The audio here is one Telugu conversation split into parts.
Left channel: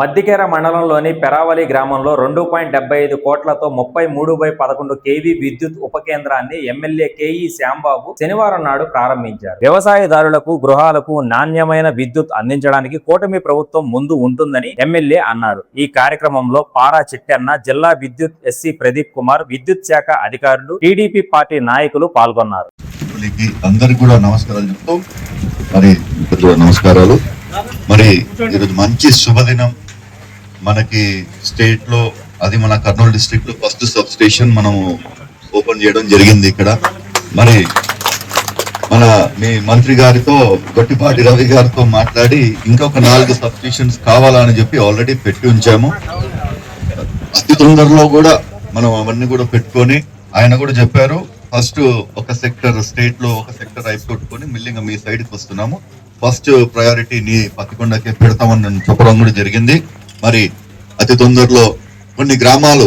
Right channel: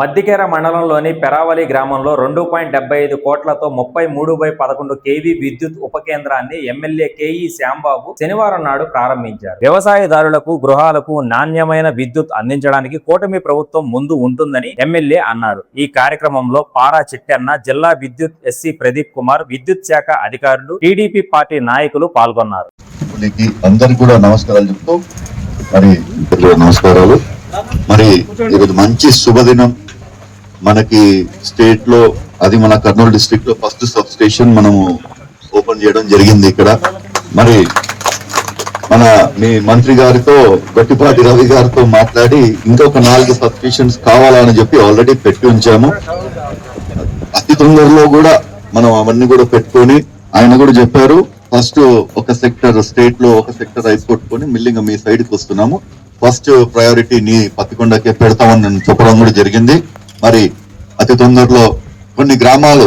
మద్దికేర మండలంలోని పెరావలి గ్రామంలో 2.75 కోట్లతో 33/11 kV విద్యుత్ ఉపకేంద్రాన్ని ఎమ్మెల్యే కేఈ శ్యాంబాబు శనివారం నాడు ప్రారంభించారు. వ్యవసాయదారులకు, గృహాలకు నాణ్యమైన విద్యుత్ అందించడానికి కూటమి ప్రభుత్వం ముందు ఉంటుందని ఎమ్మెల్యే అన్నారు. ఈ కార్యక్రమంలో పారా చిట్టెన్న, జిల్లా విద్యుత్ ఎస్సీ ప్రదీప్ కుమార్, విద్యుత్ శాఖ అధికారులు, టీడీపీ పార్టీ నాయకులు పాల్గొన్నారు. అందరికీ కూడా నమస్కారాలు చెప్తూ నమస్కారాలు. మరి ఈరోజు మంచి శుభదినం. మనకి స్టేట్ లో, అది మన కర్నూలు డిస్ట్రిక్ట్ లో ఫస్ట్ సబ్ స్టేషన్ మనము ఓపెన్ చేయడం జరిగింది ఇక్కడ. మరి మీ మంత్రి గారితో, గట్టిపాటి రవి గారితో మాట్లాడి ఇంకొక 4 సబ్ స్టేషన్స్ కావాలని చెప్పి ఆల్రెడీ పెట్టి ఉంచాము. అతి తొందరలో కూడా మనం అవన్నీ కూడా పెట్టుకొని, ఆయన కూడా చెప్పారు ఫస్ట్ ఒక సెక్టర్ స్టేట్ లో ఒక సెక్టర్ అయిపోట్టుకొని మిల్లింగ్ మీ సైడ్కి వస్తున్నాము, ఫస్ట్ ప్రయారిటీ నీ పత్తికొండకే పెడతామని నేను చెప్పడం కూడా జరిగింది. మరి అతి తొందరలో కొన్ని గ్రామాలు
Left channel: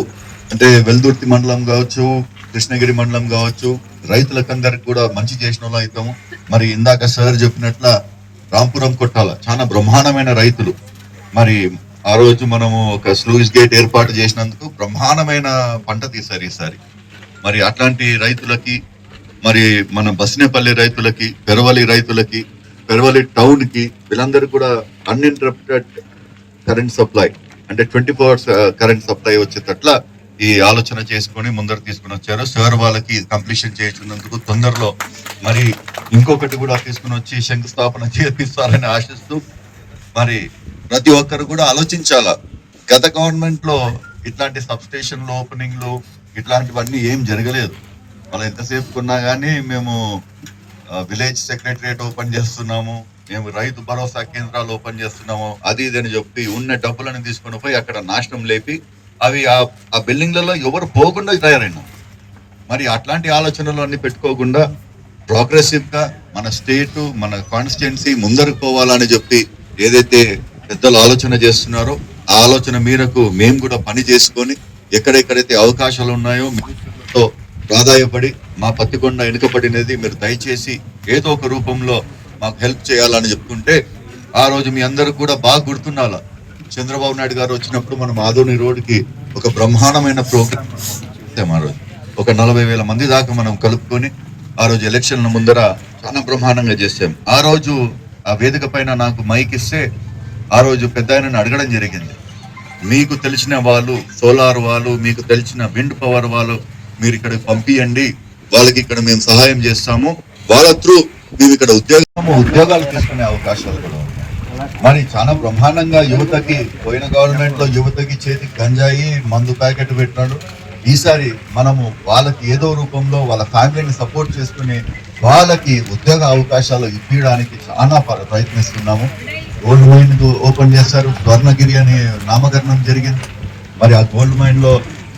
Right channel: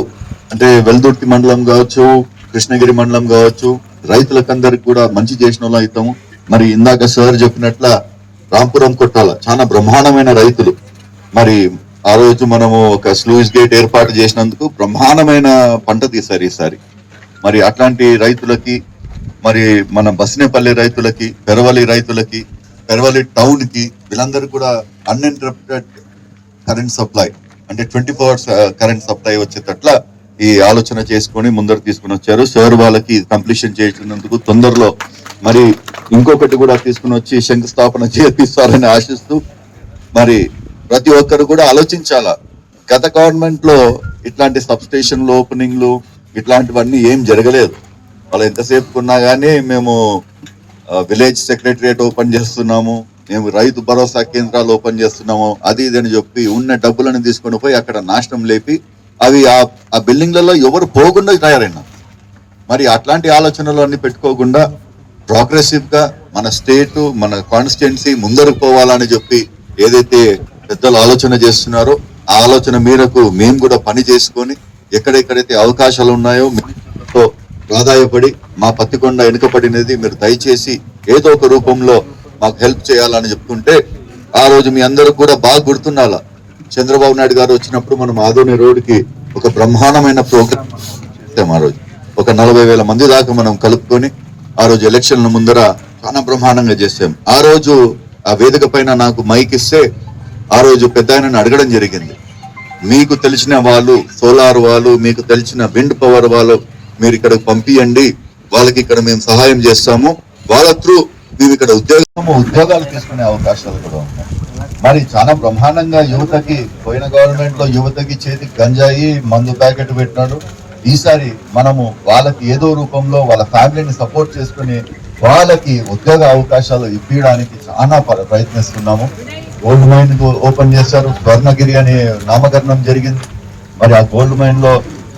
అంటే వెల్దుర్తి మండలం కావచ్చు, కృష్ణగిరి మండలం కావచ్చు, రైతులకందరికి కూడా మంచి చేసిన వాళ్ళు అవుతాము. మరి ఇందాక సార్ చెప్పినట్ల రాంపురం కొట్టాల చాలా బ్రహ్మాండమైన రైతులు. మరి ఆ రోజు మనము ఒక స్లూయిస్ గేట్ ఏర్పాటు చేసినందుకు బ్రహ్మాండమైన పంట తీశారు ఈసారి. మరి అట్లాంటి రైతులకి, మరి మన బస్నేపల్లి రైతులకి, పెరవలి రైతులకి, పెరవలి టౌన్ కి, వీళ్ళందరూ కూడా అన్ఇంటరప్టెడ్ కరెంట్ సప్లై అంటే 24 hours కరెంట్ సప్లై వచ్చేటట్ల ఈ ఆలోచన చేసుకొని ముందరు తీసుకుని వచ్చారు. సార్ వాళ్ళకి కంప్లీషన్ చేసినందుకు తొందరలో మరి ఇంకొకటి కూడా తీసుకుని వచ్చి శంకుస్థాపన చేపిస్తారని ఆశిస్తూ, మరి ప్రతి ఒక్కరు కూడా ఆలోచించాలా. గత గవర్నమెంట్ లో ఇట్లాంటి సబ్ స్టేషన్లు ఓపెనింగ్లు ఇట్లాంటివన్నీ ఏం జరగలేదు. వాళ్ళు ఎంతసేపు ఉన్నా కానీ మేము విలేజ్ సెక్రటరియట్ ఓపెన్ చేస్తున్నాము, మేము రైతు భరోసా కేంద్రాలు ఓపెన్ చేస్తున్నాము, అది ఇదని చెప్పి ఉన్న డబ్బులను తీసుకొని పోయి అక్కడ నాశనం లేపి అవి ఆ బిల్డింగ్లలో ఎవరు పోకుండా తయారైనా. మరి అట్లాంటి ఆలోచనలు అన్ని పెట్టుకోకుండా ప్రోగ్రెసివ్ గా మన స్టేట్, మన కాన్స్టిట్యున్సీ ముందరకు పోవాలని చెప్పి ఏదైతే పెద్దలు ఆలోచన చేస్తున్నారో ఆ ఆలోచన మేరకు మేము కూడా పని చేసుకొని ఎక్కడెక్కడైతే అవకాశాలు ఉన్నాయో ఆదాయపడి మా పత్తికొండ వెనుకబడినది మీరు దయచేసి ఏదో ఒక రూపంలో మాకు హెల్ప్ చేయాలని చెప్తుంటే, ఆ రోజు మీ అందరూ కూడా బాగా గుర్తున్నాలా, చంద్రబాబు నాయుడు గారు వచ్చినప్పుడు మనం ఆదోని రోడ్డుకి ఒక బ్రహ్మాండమైన ప్రోగ్రామ్ చేసాం. ఆ రోజు ఒక 40,000 మంది దాకా మనం కలుపుకొని ఆ రోజు ఎలక్షన్ల ముందర చాలా బ్రహ్మాండంగా చేసాం. ఆ రోజు ఆ వేదిక పైన నాకు మైక్ ఇస్తే ఆ రోజు పెద్ద ఆయనను అడగడం జరిగింది, మీకు తెలిసిన వాళ్ళు సోలార్ వాళ్ళు, మీకు తెలిసిన విండ్ పవర్ వాళ్ళు మీరు ఇక్కడ పంపియండి, వాళ్ళకి ఇక్కడ మేము సహాయం చేస్తాము, వాళ్ళ త్రూ మేము ఇక్కడ ఉద్యోగాలు తీసుకునే అవకాశాలు కూడా ఉన్నాయి. మరి చాలా బ్రహ్మాండంగా యువతకి, పోయిన గవర్నమెంట్ లో యువతకి చేతికి గంజాయి మందు ప్యాకెట్ పెట్టినాడు. ఈసారి మనము వాళ్ళకి ఏదో రూపంలో వాళ్ళ ఫ్యామిలీని సపోర్ట్ చేసుకుని వాళ్ళకి ఉద్యోగ అవకాశాలు ఇప్పించడానికి చాలా ప్రయత్నిస్తున్నాము. గోల్డ్ మైన్ ఓపెన్ చేశారు, స్వర్ణగిరి అనే నామకరణం జరిగింది. మరి ఆ గోల్డ్ మైన్ లో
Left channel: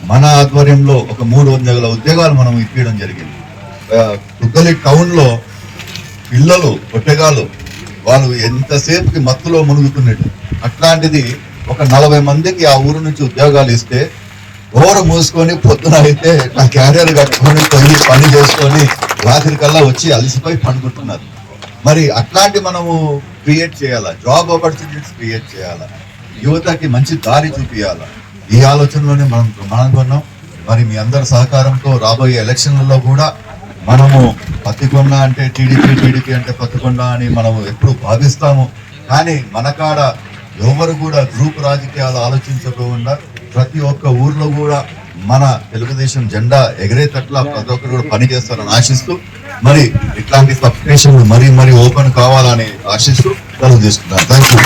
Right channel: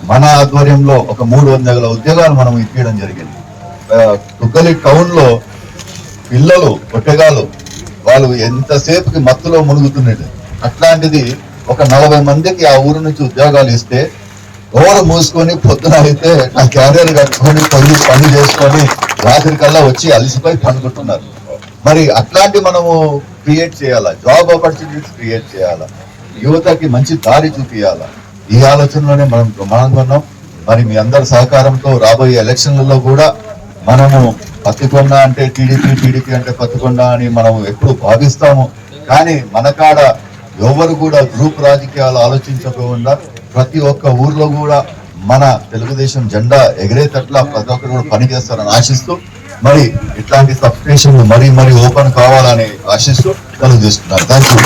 మన ఆధ్వర్యంలో ఒక 300 ఉద్యోగాలు మనం ఇప్పించడం జరిగింది. తుగ్గలి టౌన్ లో పిల్లలు పొట్టెగాలు వాళ్ళు ఎంతసేపుకి మత్తులో మునుగుతున్నట్టు, అట్లాంటిది ఒక 40 మందికి ఆ ఊరు నుంచి ఉద్యోగాలు ఇస్తే డోర్ మూసుకొని పొద్దున అయితే ఆ క్యారియర్ కట్టుకొని పని చేసుకొని రాత్రి కల్లా వచ్చి అలసిపోయి పండుకుంటున్నారు. మరి అట్లాంటి మనము క్రియేట్ చేయాలా, జాబ్ ఆపర్చునిటీస్ క్రియేట్ చేయాలా, యువతకి మంచి దారి చూపియాలా. ఈ ఆలోచనలోనే మనం ప్రమాణంగా ఉన్నాం. మరి మీ అందరి సహకారంతో రాబోయే ఎలక్షన్లలో కూడా మనము పత్తికొండ అంటే టీడీపీ అంటే పత్తికొండ అని మనం ఎప్పుడు భావిస్తాము. కానీ మన కాడ ఎవరు కూడా గ్రూప్ రాజకీయాలు ఆలోచించకుండా ప్రతి ఒక్క ఊర్లో కూడా మన తెలుగుదేశం జెండా ఎగిరేటట్లా ప్రతి ఒక్కరు కూడా పనిచేస్తారని ఆశిస్తూ, మరి ఇట్లాంటి సబ్ స్టేషన్లు మరీ ఓపెన్ కావాలని ఆశిస్తూ సెలవు తీసుకున్నారు. Thank you.